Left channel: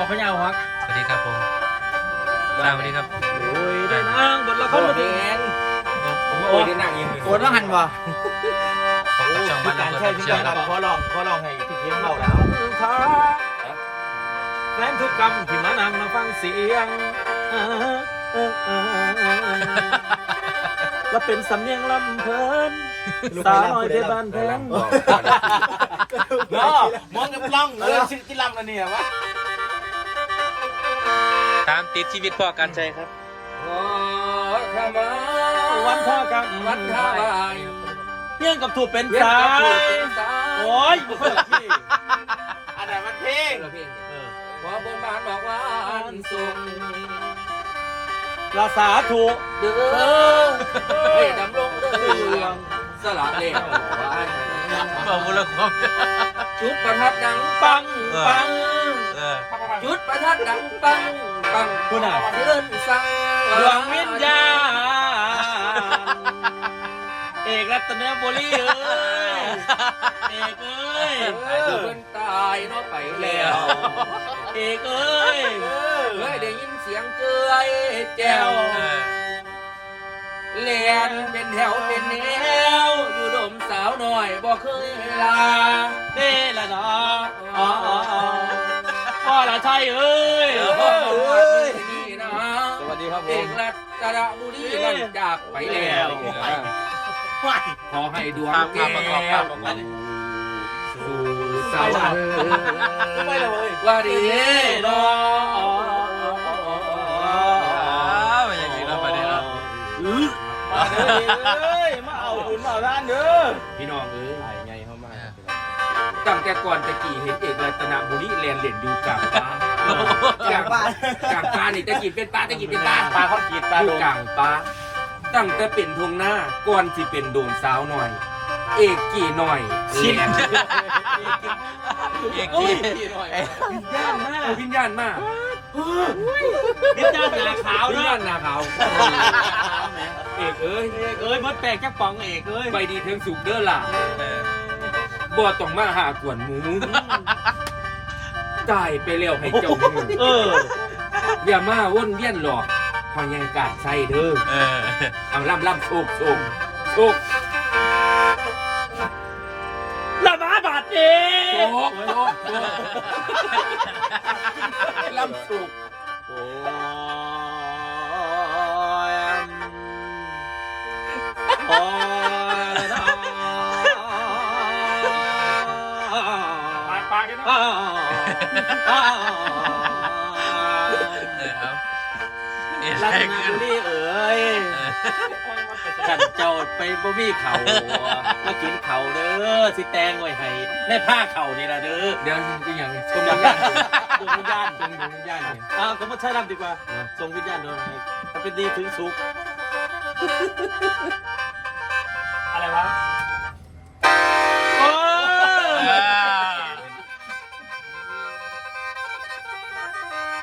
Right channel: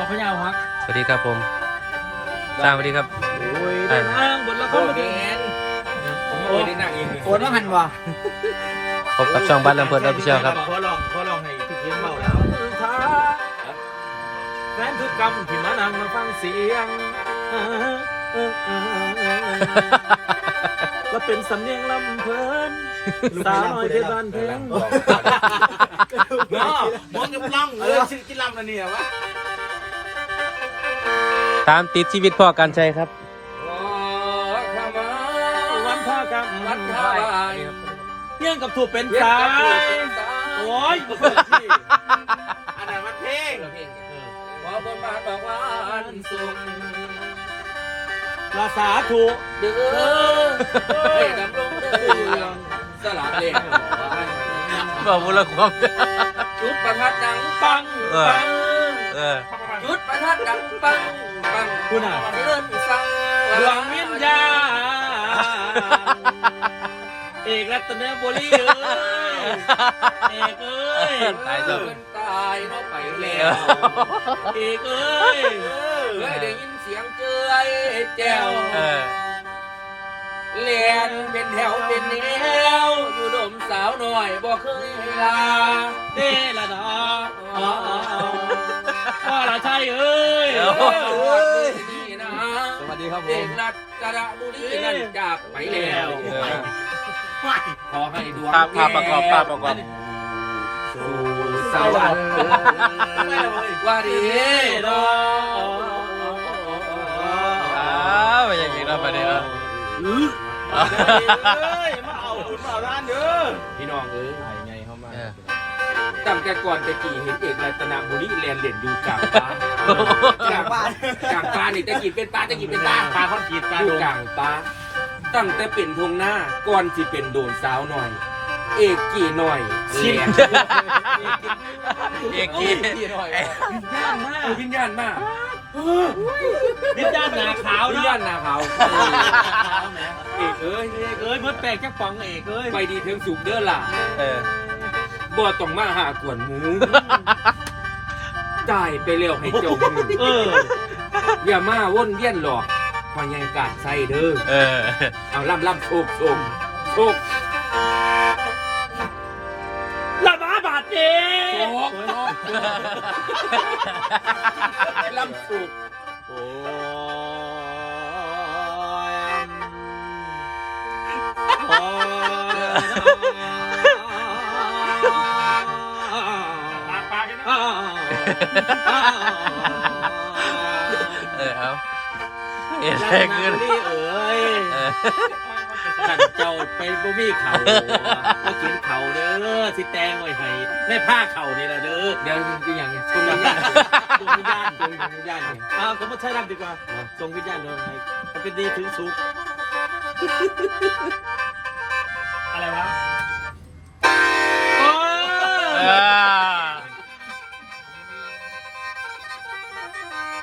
อพะเยาครับสวัสดีครับผมตามสวัสดีครับโอ้ยได้นางบทละครมาดีผมโอ้ยได้นั่งเองเลยโอนว่าหันบ่พบกับช่องบ้านลำเพลินออฟฟิเชียลครับขอลองขอลองให้พี่เคียงเล่าแล้วแฟนทุกกรรมที่มานั่งมาฟังเสียงแล้วเป็นสำเนียงลำเพลินสาวน้อยเพชรบ้านแพงมองกับล่องเออชื่อที่ล่ำนั่นเนี่ยวะ ตามติดชีวิตพ่อการใช้ครับ วันพ่อกันวันท่าบายเยี่ยงกับถูกเป็นเย็นสากับถูกยเป็นสายโอ้ยเปิดพี่อันนั้นมันเพลงเพลงขอบนบาทบอกว่าอันสูงภาษาถูกเดือให้ดำรงเดือสลัดเล่นบอกมูลความจุดประทัดดังปังปังเออจุดประทัดดังปัง ปังคุณอะเดินสั่งดวงวิญญาณเอกรัตนบุรีเอ้ยเอกเอ้ยตายเป็นตายเนาะไปแล้วเอกเอ้ยเฮ้ยได้ยินเสียงเจยแจ้วเออเลียนเป็นแถวเป็นแนวอยู่ดมสาวหน่อยบ่เคยลาเด้ละเนาะอ๋ออ๋ออ๋อพ่อละชัยเอ้ย มรัตนบุรีนั่นจากไปแล้วขอให้ดวงภาพภาประกอบภาประกอบสู่สวรรค์ว่าดีเนาะอ้าอย่างนี้เราไปเนี่ยเนาะมาเอาบุญมาเอาล้านเด้อพี่น้องเอ้ยไงเข้ามาตั้งแต่ก่อนตะกี้เห็นเอกรัตนบุรีเรียนเด่นอยู่กลา งฟ้าจากบ้านกลางฟ้านี่ตะกี้เป็นตาตะกี้เป็นตาปลาข้อนขีดตาอยู่กลางฟ้าตั้งแต่เป็นทวงหน้าก่อนที่เป็นโดนสาวหน่อย เอกกี่หน่อยเรียนเอกโอ้ยกี้ย่านมากวิญญาณมากนิย่านหนาขาววิญเนาะญาณนาเขาเอกเอ้ยเอกเอ้ยมดแปลกจักป๋องเอกเอ้ยไปดีเทิงสุกเด้อล่ะเออบ่ต้องมาหากวนหมู ตายไปเร็วให้เจ้ามือเออ อย่ามาวนเวียนหลอกพอยังกาดใส่เด้อเออ เอาล่ำล่ำโชคโชคโชคละหมาบาดเจ็โชบคโชคโชคล่ำโชคโอ้ เอาเอ็นรัแรกงนาขึ้นลีเอ๋ยเออกันเจ้าไปบ่มีเขามากินเขาเด้อสิแตงไว้ให้ในผ้าเขานี่ล่ะเด้อเดี๋ยวอีกอย่างชดวมงวิวิญญญาญาณณชมวิญญาณเนี่ยอ้าวก็มาใช้รำดีกว่าส่งวิญญาณโดนให้มันเป็นดีถึงสุขอะไรวะโอ้เอยอ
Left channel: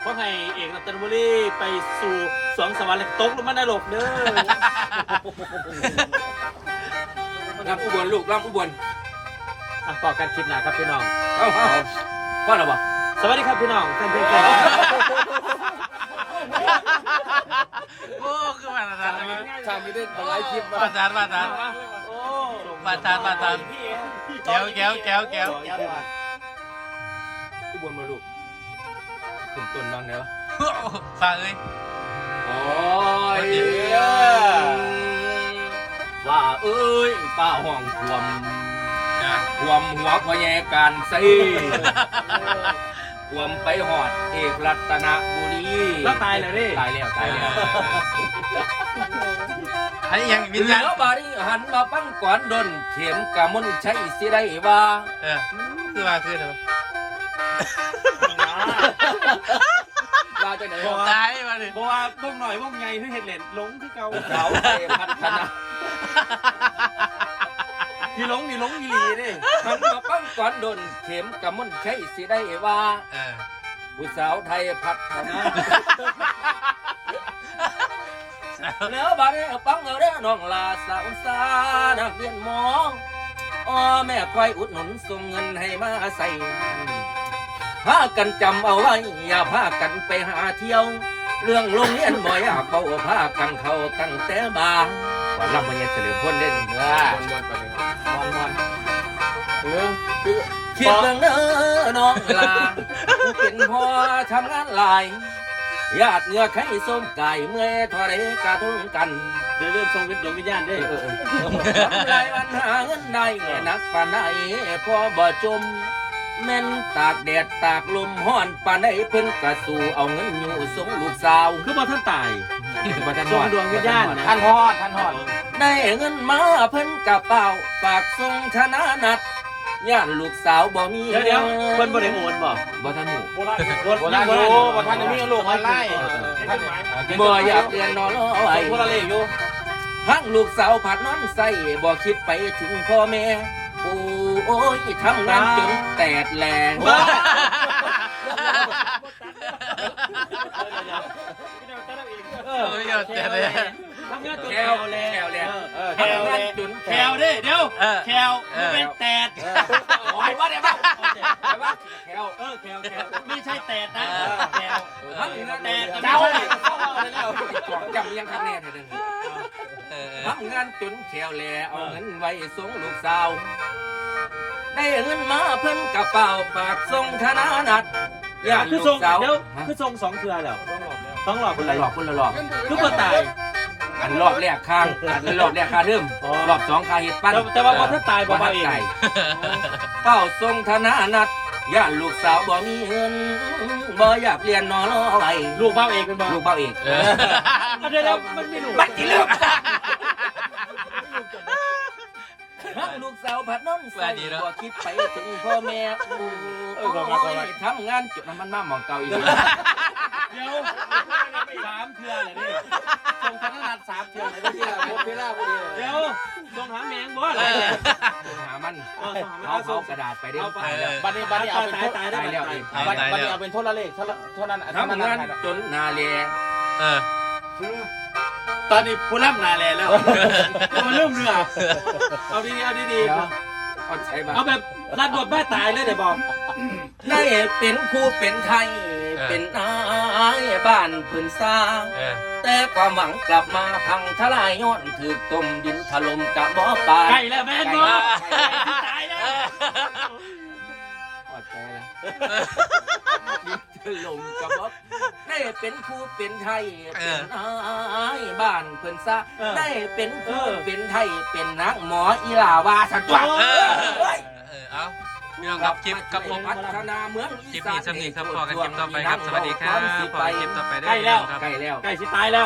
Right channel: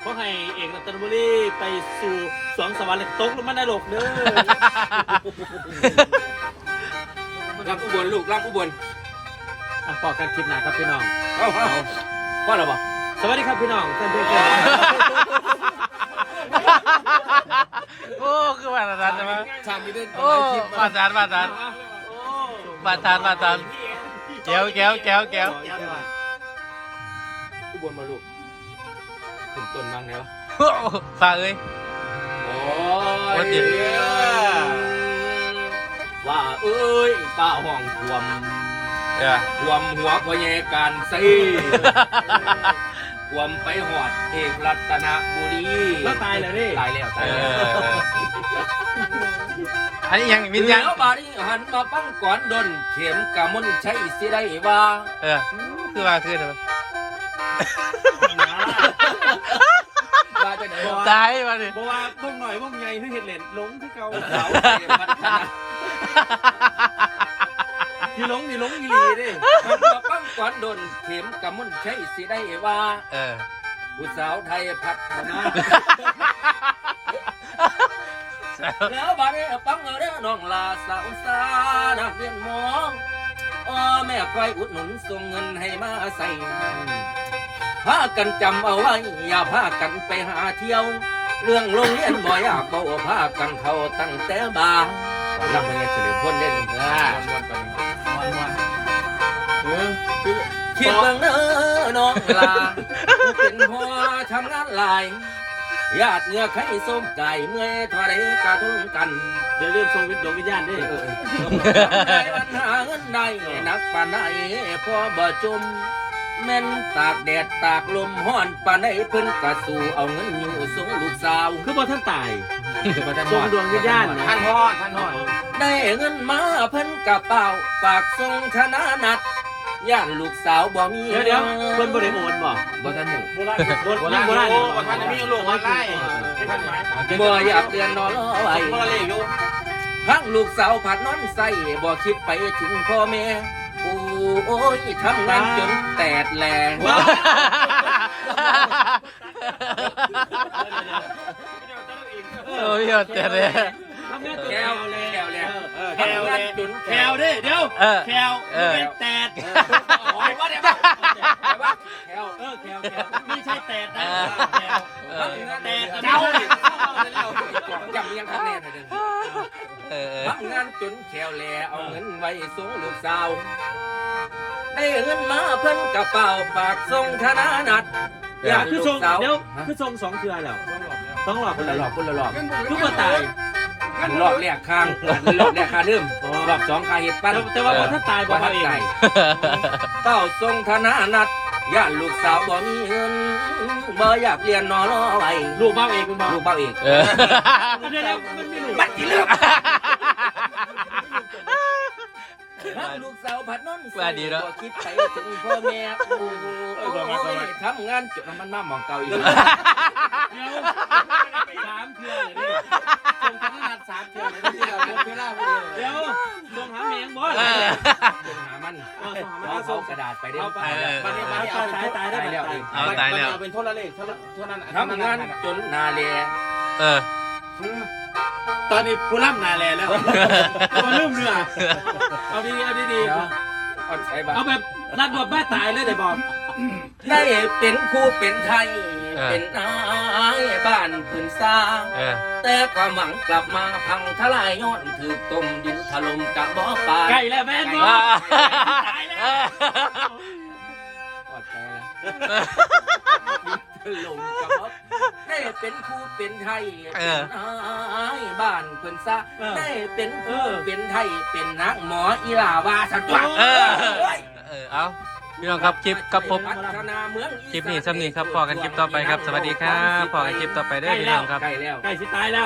เพราะให้เอกรัตนบุรีไปสู่สวงสวรรค์และตกลงมานรกเด้อรับอุบลลูกรับอุบลอะต่อกันคลิปหน้าครับพี่น้องเอาเอาพ่อเราบอกสวัสดีครับพี่น้องท่านเพื่อนโอ้คือมาตรฐานใช่ไหมชามีด้วยโอ้มาตรฐานมาตรฐานมาตรฐานมาตรฐานแก้วแก้วแก้วแก้วอุบลมาลูก ถึงต้นบ้างแล้วฝากเลย โอ้วันยเดียว ว่าเอ้ยป้าห้องควมจ้ะควมหัวพอแยการใส่ควมไปหอดเอกรัตนบุรีแล้วตายเลยดิตายแล้วเอตายแล้วออันนี้ยังวิญญาณแล้วบารีหันมาปั้งก่อนดน เข็มกะมุนใช้สิได้ว่าเออคือว่าคือเถอะว่าจะไหน ตายมาดิเพราะว่าพวกหน่อยพวกไงที่เห็ดเหรียญหลงที่เก่าเขาไปพัฒนามีหลงมีหลงอีหลีดิหันมาปั้งก่อนดนเข็มกะมุนใช้สิได้ว่าเออผู้สาวไทยพัฒนาแล้วบารีปังเอาเด้อน้องลาสาวสานักเรียนหมออ๋อแม่คอยอุดหนุนส่งเงินให้มาใส่ พากันจำเอาไว้อย่าพากันไปหาเที่ยว เรื่องโรงเรียนบ่อยากเบาพากันเข้าตั้งแต่บางวันลำมันยังเฉลิมพ้นเด่นเออคิดเบิ่งเด้อน้องลาผู้เป็นพ่อทำงานหลายญาติเหงือไข่ส้มไก่เมื่อยทอดกระทุ่งกันเดี๋ยวเริ่มทรงวิทย์ดวงวิญญาณด้วยเออได้อันหาเงินได้นักปานใดพอบ่จม แม่นตากแดดตากลมห้อนปานใดเพิ่นกะสู่เอาเงินอยู่ส่งลูกสาวคือว่าท่านตายบ่ทันทรงฮอดวงวิญญาณนะท่านฮอดท่านฮอดได้เงินมาเพิ่นกะเป๋าปากส่งชนะนัดย่านลูกสาวบ่มีเดี๋ยวเดี๋ยวเพิ่นบ่ได้โอนบ่บ่ทันหูบ่ยังบ่ได้บ่ทันได้มีลูกมาไล่บ่อยากเรียนนอนรอไว้คนละเลขอยู่พังลูกสาวผัดนอนใส่บ่คิดไปถึงพ่อแม่ โอ้ยทำงานจนแตดแหลงโอ้ยเอาแต่เลย ทำงานตัวแคแคววแลแล้วแล้วเออแควเลยแควเด้เดี๋ยวเออแควเออ เป็นแตดโอ้ยว่าเดี๋ยวว่าเดี๋ยวว่าแคลเออแควแควไม่ใช่แตดนะแควพังงานแตดจะเจ้าไม่เลยใช่จำยังคะแนนเลยเด้อเออพังงานจนแคลแลเอาเงินไว้ส่งลูกสาว ได้เงินมาเพิ่นกระเป๋าฝากส่งธนานัดญาติคือลูทรกงสาวเดี๋ยวคือทรงสองเครือแล้วต้องหลอกคคนนละละรหลออบกคนละรอบคือบ่ตายอันรอบแรกข้างอันรอบแรกคาเริ่มอ๋อรอบสองคาเห็ดปั้นแต่แต่ว่าพอถ้าตายบ่บ่มาทันเองใจเป้าทรงธนานัดย่านลูกสาวบ่มีเงินบ่อยากเรียนนอนรอไว้ลูกบ้าเองเป็นบ่ลูกเป้าเองเออเดี๋ยวเดี๋ยวมันไม่รู้บัดกี่เลือ กลูกสาวผัดนอนใส่บ่คิดไปถึงพ่อแม่โอ้ยทำงานจนมันมาหมองเก่าอีกเดี๋ยวสามเครือเลยนี่ทรงธนนัดสามเครือเลยนี่เดี๋ยวทรงหาแมงบ่เออหามันเออทรงหาแมเอางเขากระดาษไปได้เอาไปตายแล้วบัดนี้บัดนี้เอาตายตายได้ตายแล้วตายเอาตายแล้วเป็นโทรเลขเท่าเท่านั้นทำงานจนนาแลเออ ตอนนี้ผู้รับนาแลแล้วเอาเริ่มเรือเอาดีเอาดีดีเอาใช้บ้าเอาแบบรับบทบ้าตายเลยเดี๋ยวบอกได้เป็นครูเป็นไทย เป็นนายบ้านพื้นสร้างเออแต่ความหวังกลับมาพังทลายย้อนถือต้มดินถล่มกับหมอปลาใกล้แล้วแม่นบ่ตายแล้วอดใจแล้วดินถล่มกับหมอได้เป็นครูเป็นไทย เป็นนาย บ้านพื้นสร้างได้เป็นครูเป็นไทยเป็นนักหมออีหลาวาสัตว์เออ เออเอาพี่น้องครับคลิปครับผม พัฒนาเมืองคลิปนี้สำนีครับพอกันคลิปต่อไปครับสวัสดีครับพอกันคลิปต่อไปเด้อพี่น้องครับ ใกล้แล้ว ใกล้สิตายแล้ว